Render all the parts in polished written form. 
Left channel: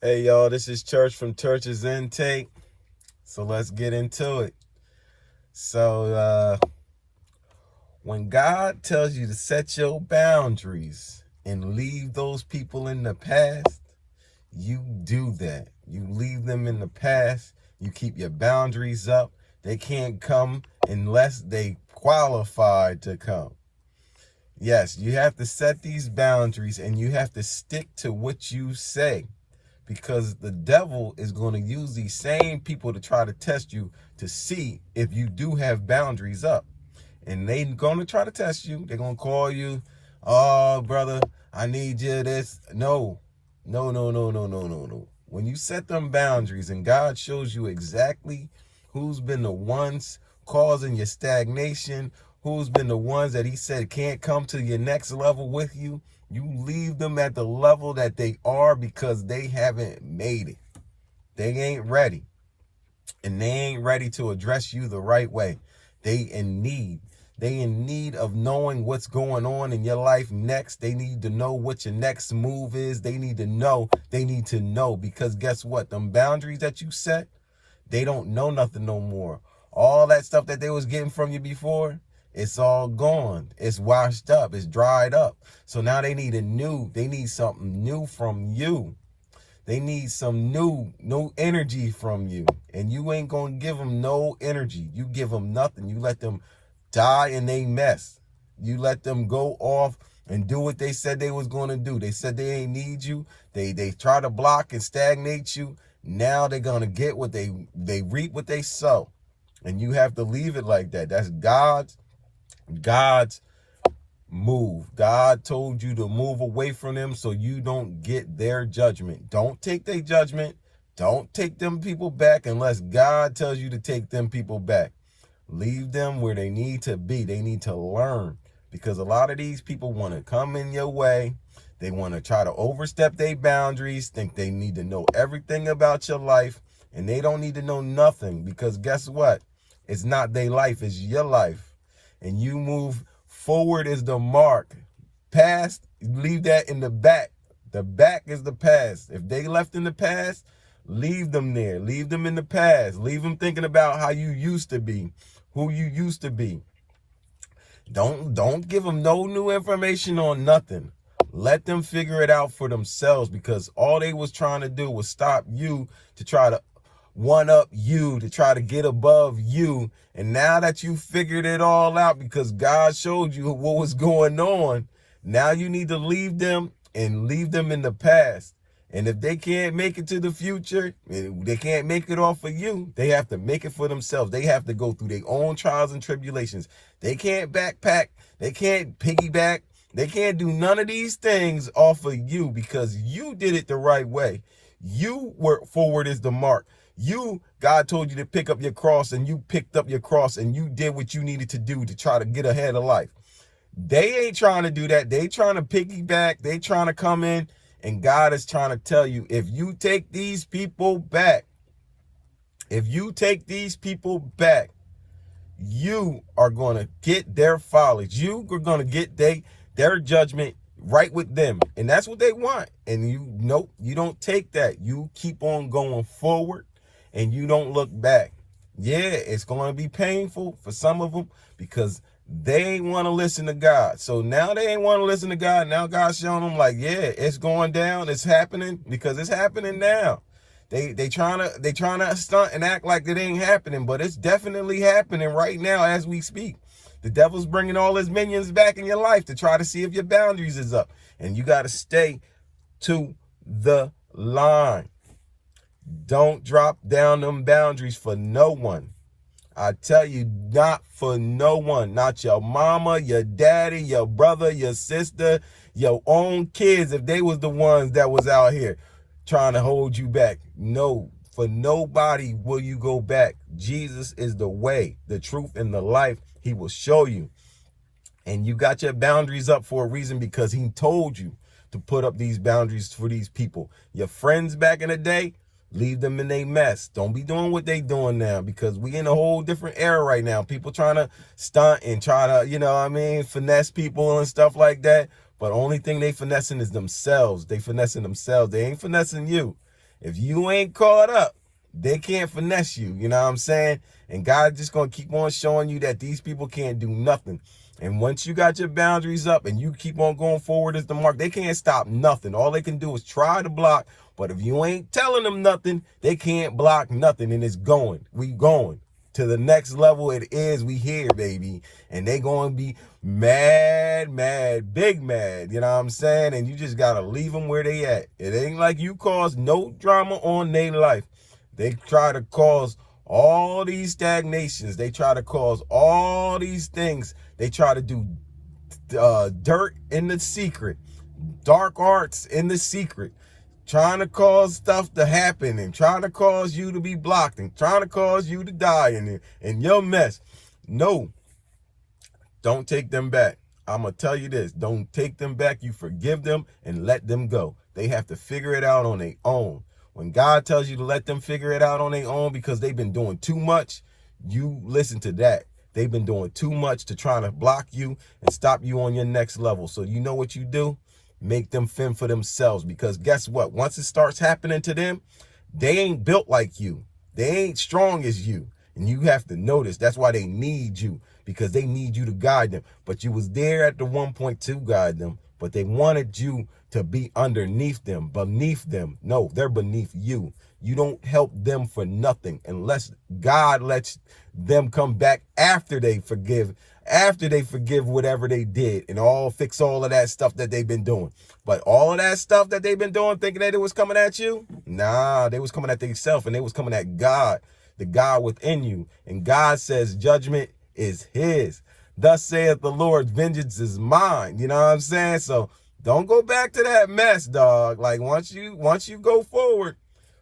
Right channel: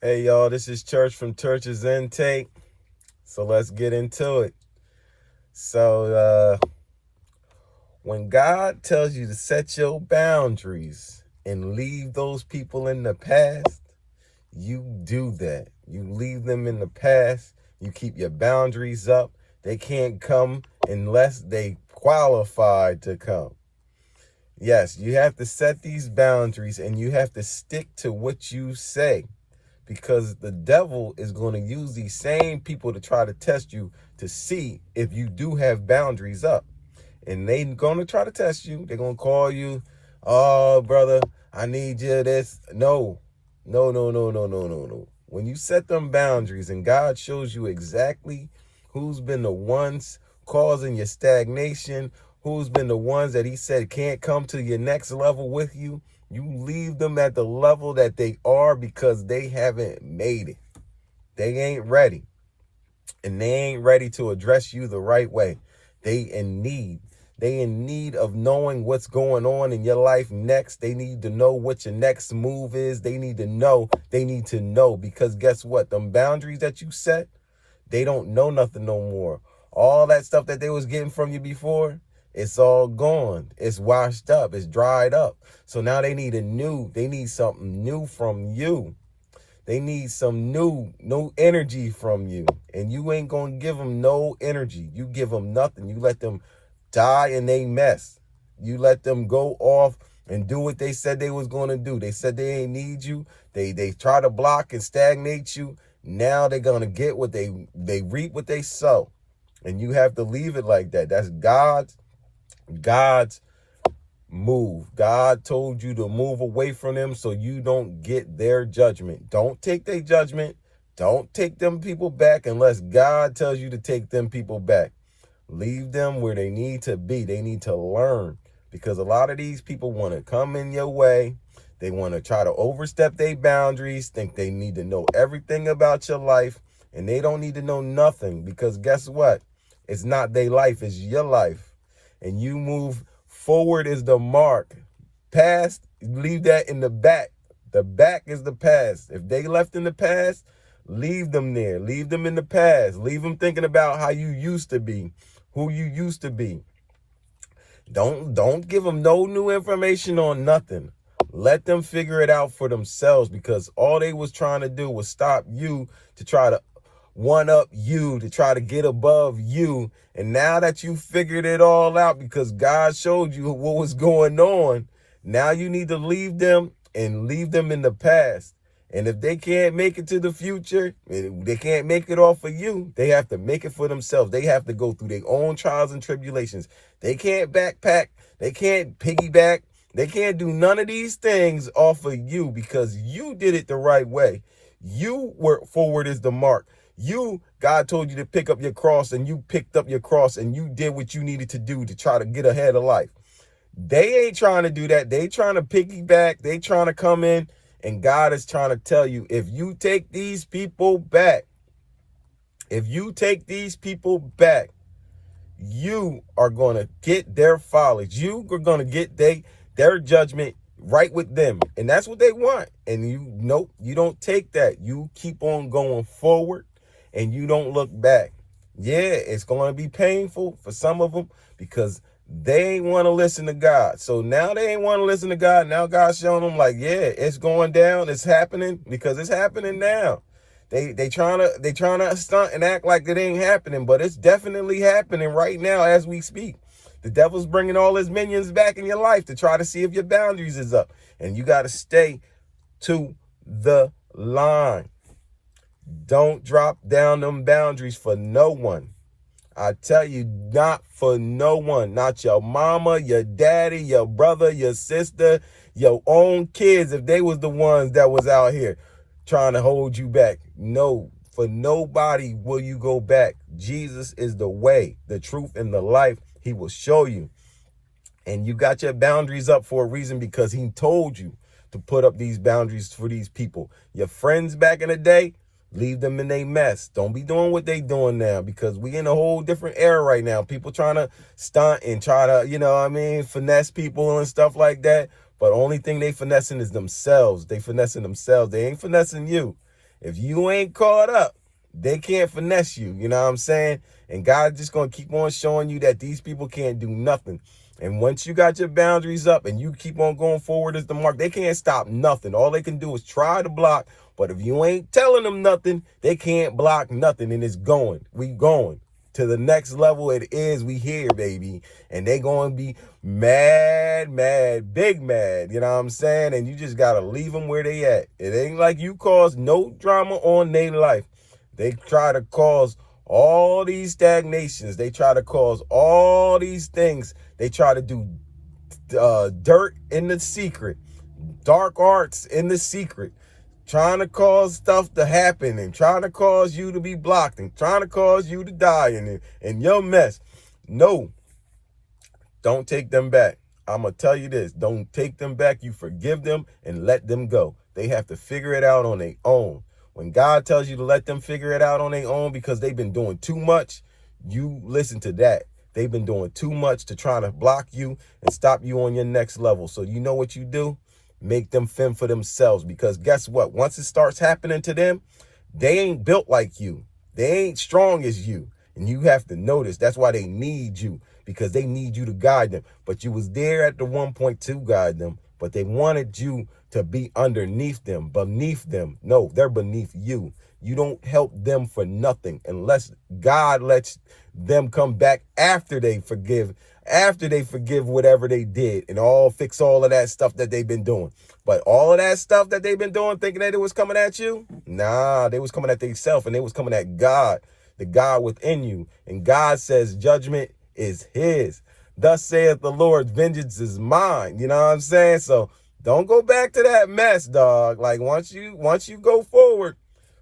Hey y'all, this is Church from Church's Intake. So let's get into it. So when God tells you to set your boundaries and leave those people in the past, you do that. You leave them in the past. You keep your boundaries up. They can't come unless they qualified to come. Yes, you have to set these boundaries and you have to stick to what you say, because the devil is going to use these same people to try to test you to see if you do have boundaries up. And they're going to try to test you. They're going to call you, oh, brother, I need you this. No, no, no, no, no, no, no, no. When you set them boundaries and God shows you exactly who's been the ones causing your stagnation, who's been the ones that he said can't come to your next level with you, you leave them at the level that they are because they haven't made it. They ain't ready. And they ain't ready to address you the right way. They in need. They in need of knowing what's going on in your life next. They need to know what your next move is. They need to know. They need to know, because guess what? Them boundaries that you set, they don't know nothing no more. All that stuff that they was getting from you before, it's all gone. It's washed up. It's dried up. So now they need something new from you. They need some new energy from you. And you ain't going to give them no energy. You give them nothing. You let them die in they mess. You let them go off and do what they said they was going to do. They said they ain't need you. They try to block and stagnate you. Now they're going to get what they reap what they sow. And you have to leave it like that. That's God's move. God told you to move away from them so you don't get their judgment. Don't take their judgment. Don't take them people back unless God tells you to take them people back. Leave them where they need to be. They need to learn, because a lot of these people want to come in your way. They want to try to overstep their boundaries, think they need to know everything about your life, and they don't need to know nothing, because guess what? It's not their life, it's your life. And you move forward is the mark. Past, leave that in the back. The back is the past. If they left in the past, leave them there. Leave them in the past. Leave them thinking about how you used to be, who you used to be. Don't give them no new information on nothing. Let them figure it out for themselves, because all they was trying to do was stop you, to try to one up you, to try to get above you. And now that you figured it all out because God showed you what was going on, now you need to leave them and leave them in the past. And if they can't make it to the future, and they can't make it off of you, they have to make it for themselves. They have to go through their own trials and tribulations. They can't backpack. They can't piggyback. They can't do none of these things off of you, because you did it the right way. You were forward is the mark. God told you to pick up your cross, and you picked up your cross, and you did what you needed to do to try to get ahead of life. They ain't trying to do that. They trying to piggyback. They trying to come in. And God is trying to tell you, if you take these people back, you are going to get their follies. You are going to get their judgment right with them. And that's what they want. And you don't take that. You keep on going forward and you don't look back. Yeah, it's going to be painful for some of them, because they ain't want to listen to God. So now they ain't want to listen to God. Now God's showing them like, yeah, it's going down. It's happening, because it's happening now. They trying to stunt and act like it ain't happening, but it's definitely happening right now as we speak. The devil's bringing all his minions back in your life to try to see if your boundaries is up. And you got to stay to the line. Don't drop down them boundaries for no one. I tell you, not for no one. Not your mama, your daddy, your brother, your sister, your own kids, if they was the ones that was out here trying to hold you back. No, for nobody will you go back. Jesus is the way, the truth, and the life. He will show you. And you got your boundaries up for a reason, because he told you to put up these boundaries for these people. Your friends back in the day, leave them in their mess. Don't be doing what they doing now, because we in a whole different era right now. People trying to stunt and try to, finesse people and stuff like that. But the only thing they finessing is themselves. They finessing themselves. They ain't finessing you. If you ain't caught up, they can't finesse you. You know what I'm saying? And God just going to keep on showing you that these people can't do nothing. And once you got your boundaries up and you keep on going forward as the mark, they can't stop nothing. All they can do is try to block. But if you ain't telling them nothing, they can't block nothing. And it's going. We going to the next level. It is. We here, baby. And they going to be mad, big mad. You know what I'm saying? And you just got to leave them where they at. It ain't like you cause no drama on their life. They try to cause all these stagnations. They try to cause all these things. They try to do dirt in the secret, dark arts in the secret, trying to cause stuff to happen and trying to cause you to be blocked and trying to cause you to die in your mess. No, don't take them back. I'm going to tell you this. Don't take them back. You forgive them and let them go. They have to figure it out on their own. When God tells you to let them figure it out on their own because they've been doing too much, you listen to that. They've been doing too much to try to block you and stop you on your next level. So you know what you do? Make them fend for themselves, because guess what? Once it starts happening to them, they ain't built like you. They ain't strong as you. And you have to notice that's why they need you, because they need you to guide them. But you was there at the 1.2 guide them, but they wanted you to be underneath them, beneath them. No, they're beneath you. You don't help them for nothing unless God lets them come back after they forgive whatever they did and fix all of that stuff that they've been doing. But all of that stuff that they've been doing, thinking that it was coming at you, nah, they was coming at themselves, and they was coming at God, the God within you. And God says judgment is his. Thus saith the Lord, vengeance is mine. You know what I'm saying? So don't go back to that mess, dog. Like once you go forward,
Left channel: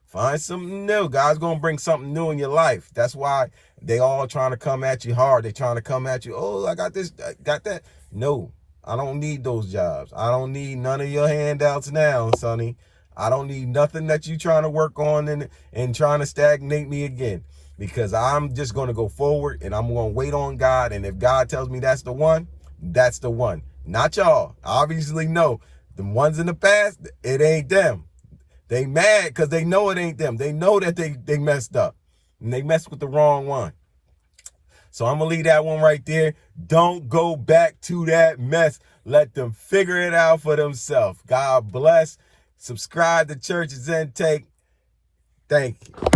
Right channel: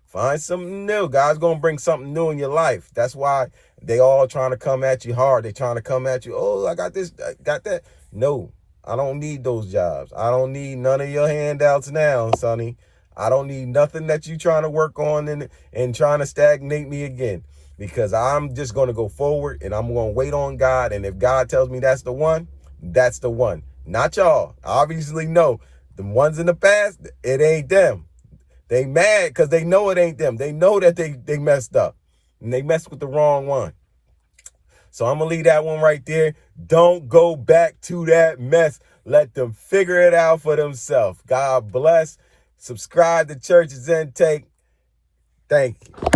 find something new. God's going to bring something new in your life. That's why they all trying to come at you hard. They trying to come at you. Oh, I got this, I got that. No, I don't need those jobs. I don't need none of your handouts now, Sonny. I don't need nothing that you trying to work on and trying to stagnate me again, because I'm just going to go forward and I'm going to wait on God. And if God tells me that's the one, that's the one. Not y'all. Obviously, no. The ones in the past, it ain't them. They mad because they know it ain't them. They know that they messed up and they messed with the wrong one. So I'm going to leave that one right there. Don't go back to that mess. Let them figure it out for themselves. God bless. Subscribe to Church's Intake. Thank you.